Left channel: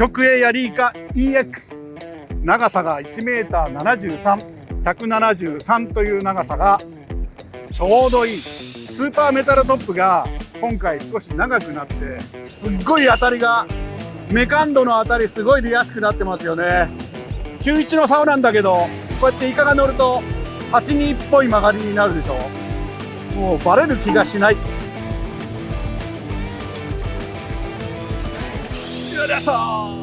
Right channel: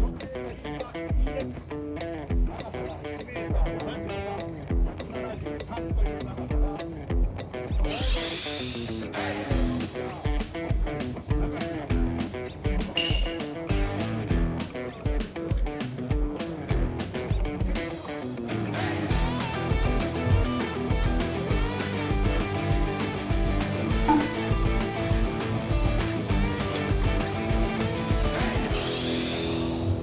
極鋭ヤリイカ EX、 長さが 1m73、 173という長さがちょうどいい。スーパーメタルトップが今回少し長くなって、すっごい当たりが、メカンドの当たりすごい出やすくなってますよね。91の竿なんだけど、こうやってイカが乗ると82っぽい曲がりになるでしょ。もうバレる気がしない。よいしょ。